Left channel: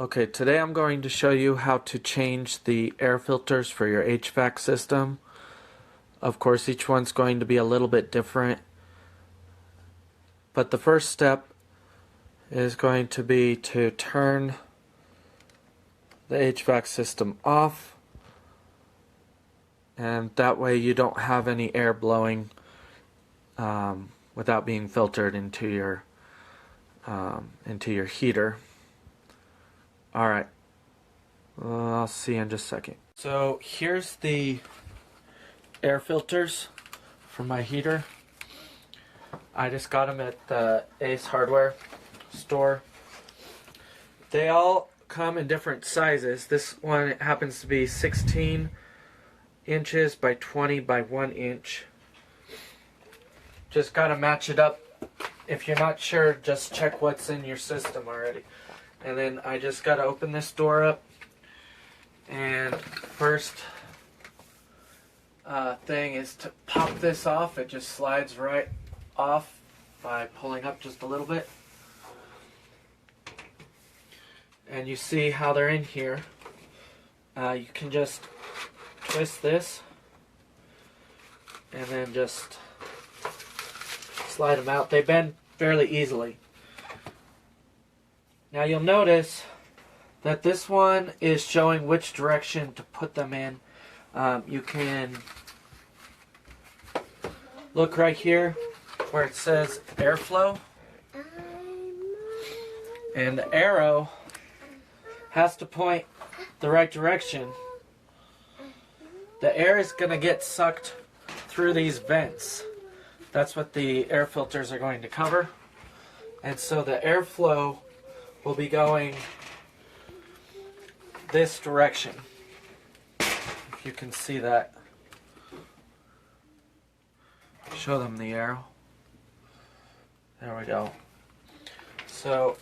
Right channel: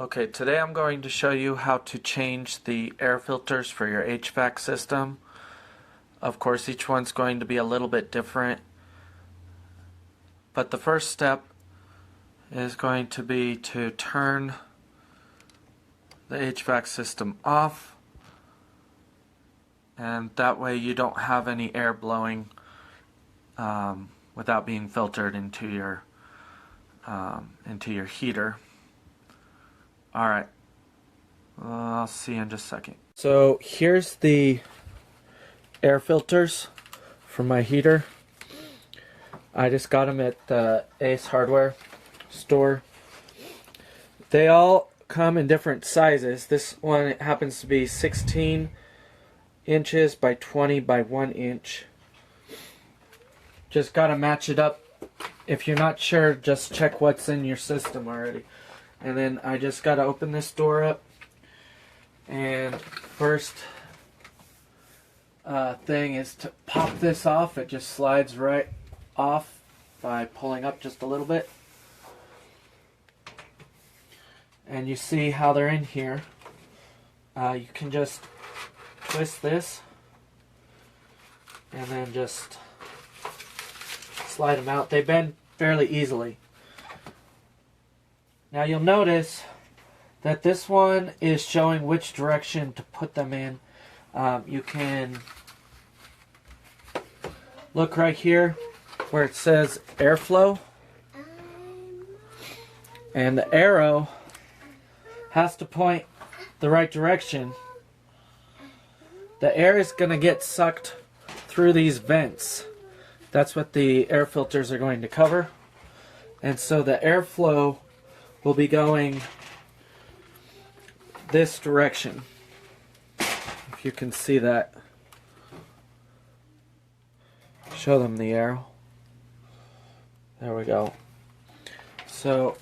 Okay, today I'm going to show you how to change the air filters for your HVAC system. Of course, each one's going to be a little bit different. But the first step is going to be to turn the HVAC system off. And that way you don't have any air blowing without being filtered into your heater. Alright, I'll see you in just a second. So here's the air filters for my heater. I just got them at the Ace Hardware store. They all come in different sizes. This one happens to be 16 inches by 20 by 1 inch. Just gotta match it up. If you're not sure, just check what's in your system already. And then I just got to open this door up, and first thing is to pop this off. It just slides right off by pulling up just a little bit. And you see how they're in here. You can just twist this and then just slide them out. They bend fairly easily. Now you'll notice that this one is showing which direction to put them in. You can look right here where it says airflow, and the arrow has to point the right direction. The air is going to get sucked through these vents. That's what the air filters are going to cover. And so the airflow will be going this direction. If you can see that. Show them the arrow. There we go. So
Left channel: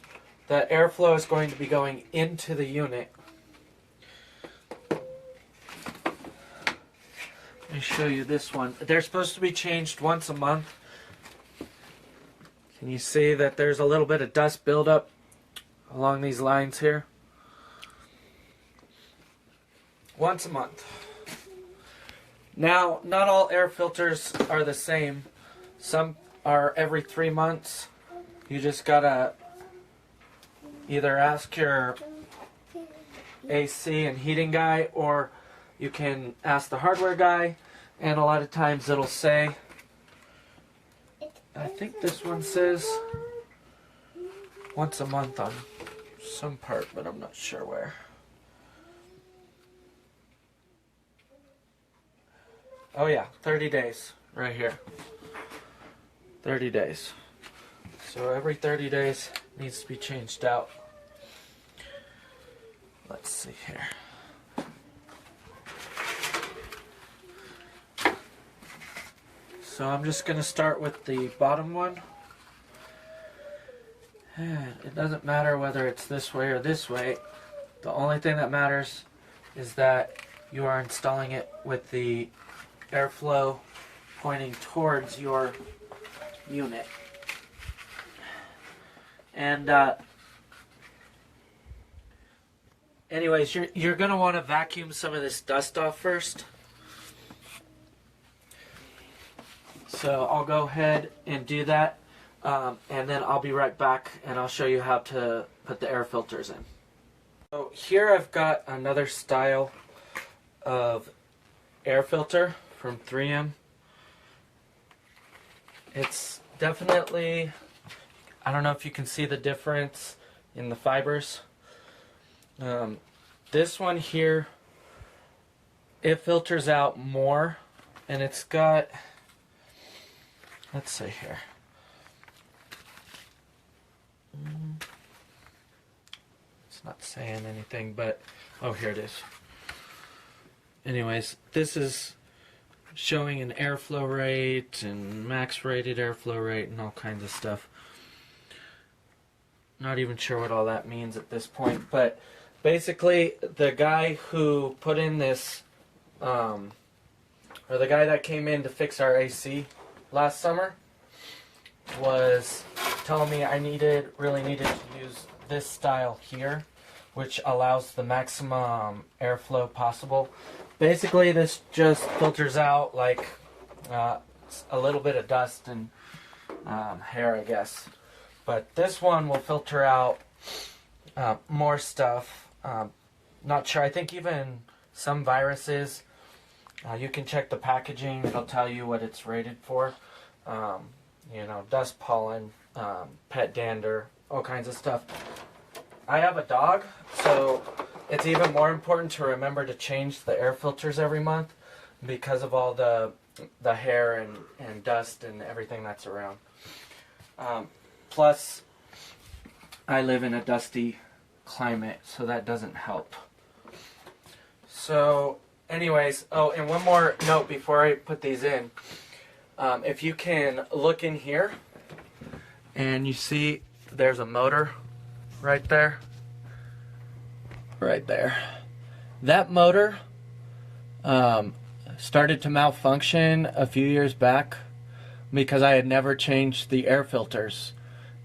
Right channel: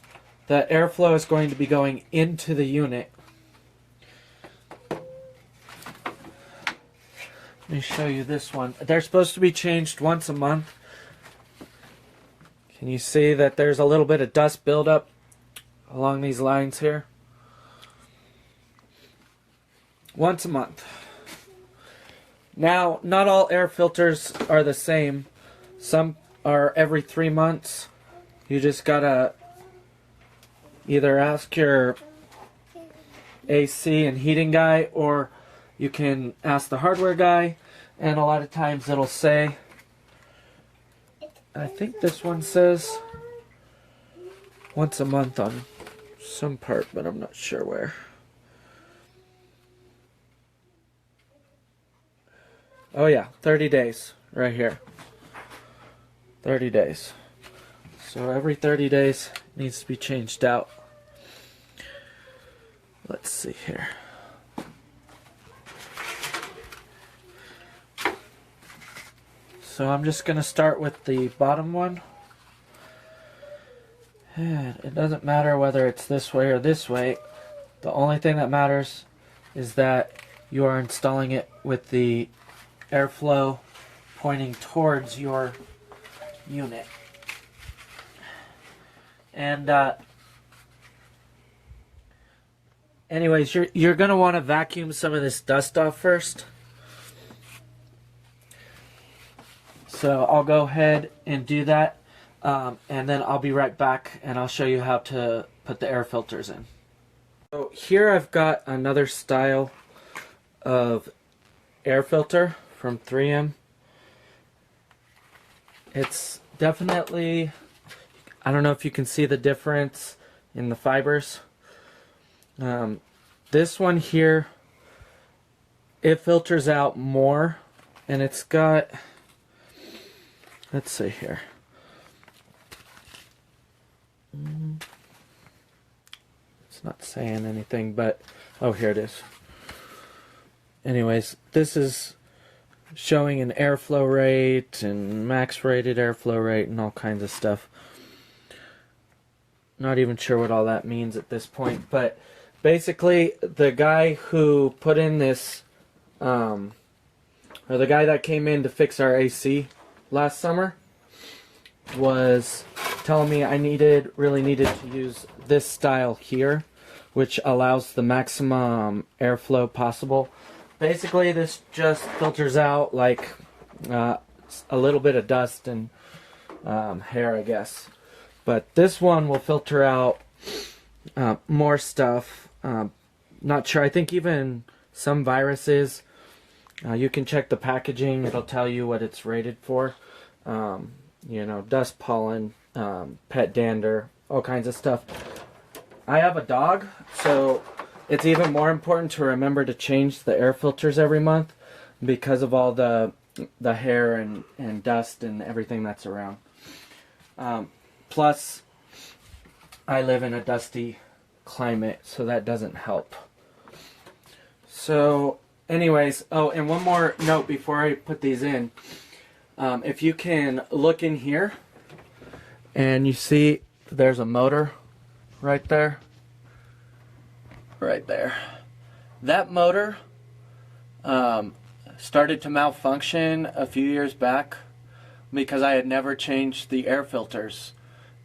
the airflow is going to be going into the unit. Let me show you this one. They're supposed to be changed once a month. Can you see that there's a little bit of dust buildup along these lines here? Once a month. Now, not all air filters are the same. Some are every 3 months. You just gotta either ask your AC and heating guy, or you can ask the hardware guy, and a lot of times it'll say, I think this one says once a month on some part, but I'm not sure where. Oh yeah, 30 days right here. 30 days. So every 30 days needs to be changed out. Let's see here. So I'm just going to start with the bottom one. It doesn't matter whether it's this way or this way. The only thing that matters is that you are installing it with the airflow pointing towards your unit. And anyways, you're going to want to vacuum some of this dust off first. So I'll go ahead and do that, and then I'll be right back and I'll show you how to put the air filters in. So here I've got another style of air filter from 3M. It's definitely, I don't know if you can see the difference in the fibers. This one here, it filters out more, and it's got, let's see here. It's not saying anything, but oh, here it is. Anyways, this is showing an airflow rate and max rated airflow rate and all kinds of stuff. Not even sure what all that means at this point, but basically the guy who put in this, or the guy that came in to fix our AC last summer, was telling me I really needed to use this style here, which allows the maximum airflow possible. Basically, this just filters out like a little bit of dust and hair, I guess. But this one will filter out more stuff. Not sure. I think even some viruses. You can check the packaging. It'll tell you what it's rated for. You know, dust, pollen, pet dander, all kinds of stuff. I have a dog, so it's even more important to remember to change the air filters every month because of all the hair and dust and everything that's around. Plus, I live in a dusty climate, so that doesn't help. So, anyways, oh, and one more note before I put these in. If you can look in here, and you see there's a motor right there. Right there. That motor started to malfunction a few years back because I had never changed the air filters.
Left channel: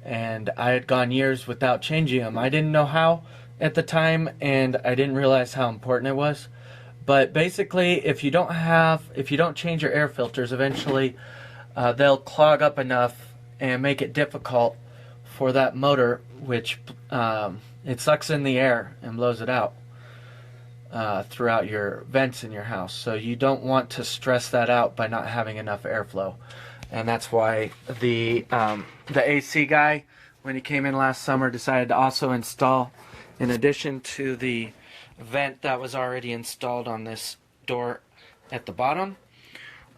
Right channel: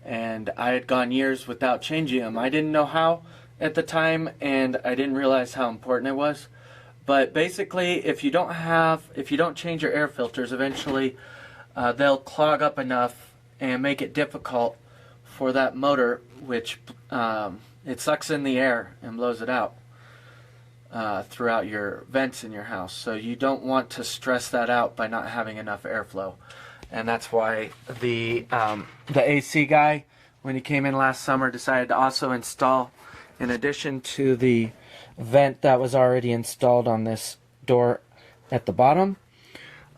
And I had gone years without changing them. I didn't know how at the time, and I didn't realize how important it was. But basically, if you don't change your air filters, eventually they'll clog up enough and make it difficult for that motor, which it sucks in the air and blows it out throughout your vents in your house. So you don't want to stress that out by not having enough airflow. And that's why the AC guy, when he came in last summer, decided to also install, in addition to the vent that was already installed on this door at the bottom,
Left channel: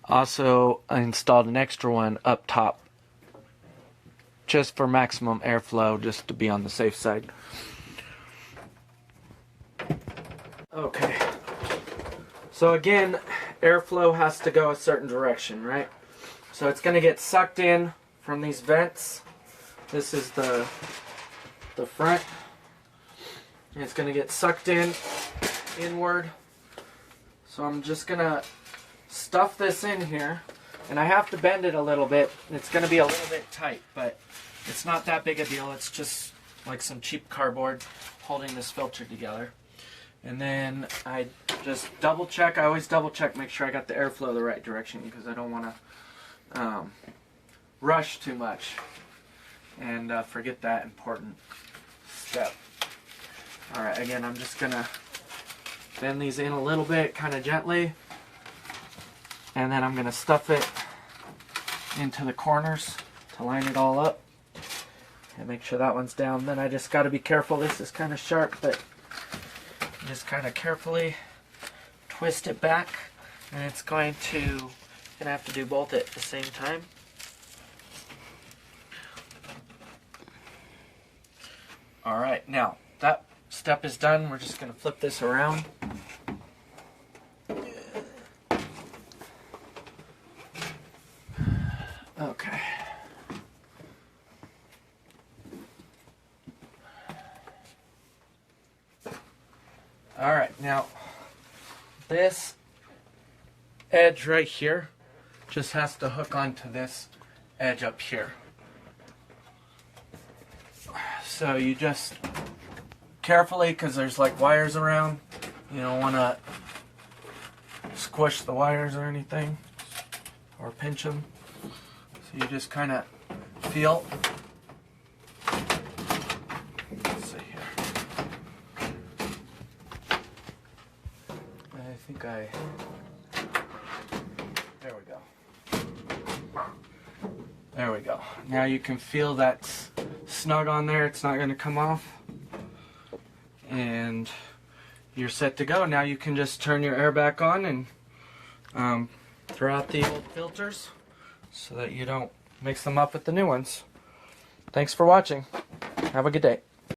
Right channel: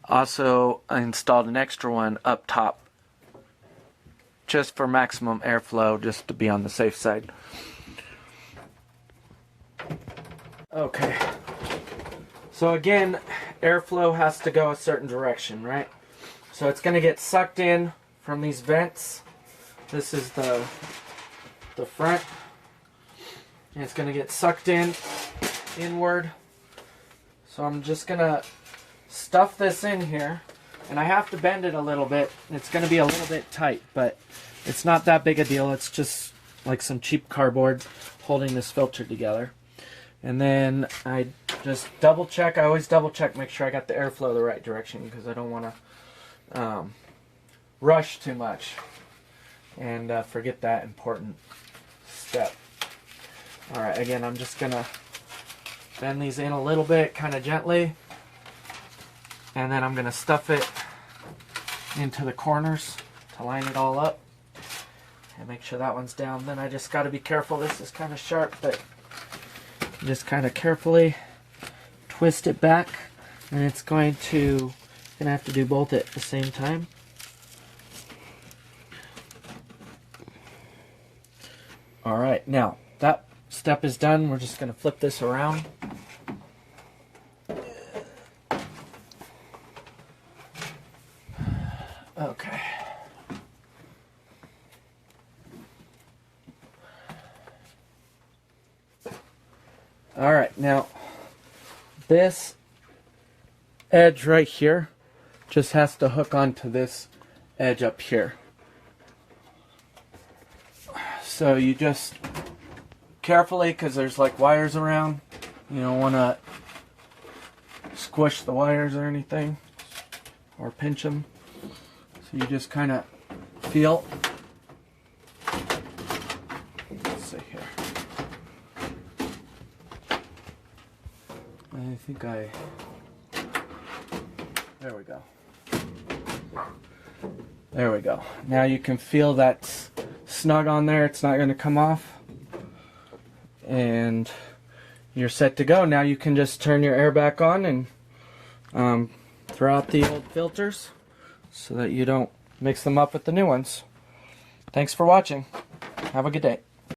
also installed an extra one up top just for maximum airflow, just to be on the safe side. Okay, so again, airflow has to go a certain direction, right? So it's going to get sucked in from these vents. This is the front. And it's going to get sucked inward. So I'm just going to stuff this in here. And I have to bend it a little bit. It's going to be a little bit tight, but it's not that big a deal. It's just like some cheap cardboard holding this filter together. And then I just double check. I always double check, make sure I got the airflow the right direction, because I don't want to rush too much and forget that important step. Alright, again, I'm just going to bend these in a little bit, kind of gently, and then I'm going to stuff it into the corners to line it all up and make sure that one's down. Then I just got to be careful. This is kind of sharp, but just kind of carefully twist it back, and it's going to have to do both at the same time. Alright, now that step is done. We're just going to flip this around. Okay. Alright, now this edge right here just has to hook onto this edge up here. So you just carefully, because there's like wires around, you don't want to squish the wires or anything or pinch them. So you just kind of feel. Let's see here. I think there we go. There we go. Now you can feel that snug on there. It's not going to come off. And you're set to go. Now you can just turn your air back on and throw out the old filters so that you don't mix them up with the new ones. Thanks for watching. Have a good day.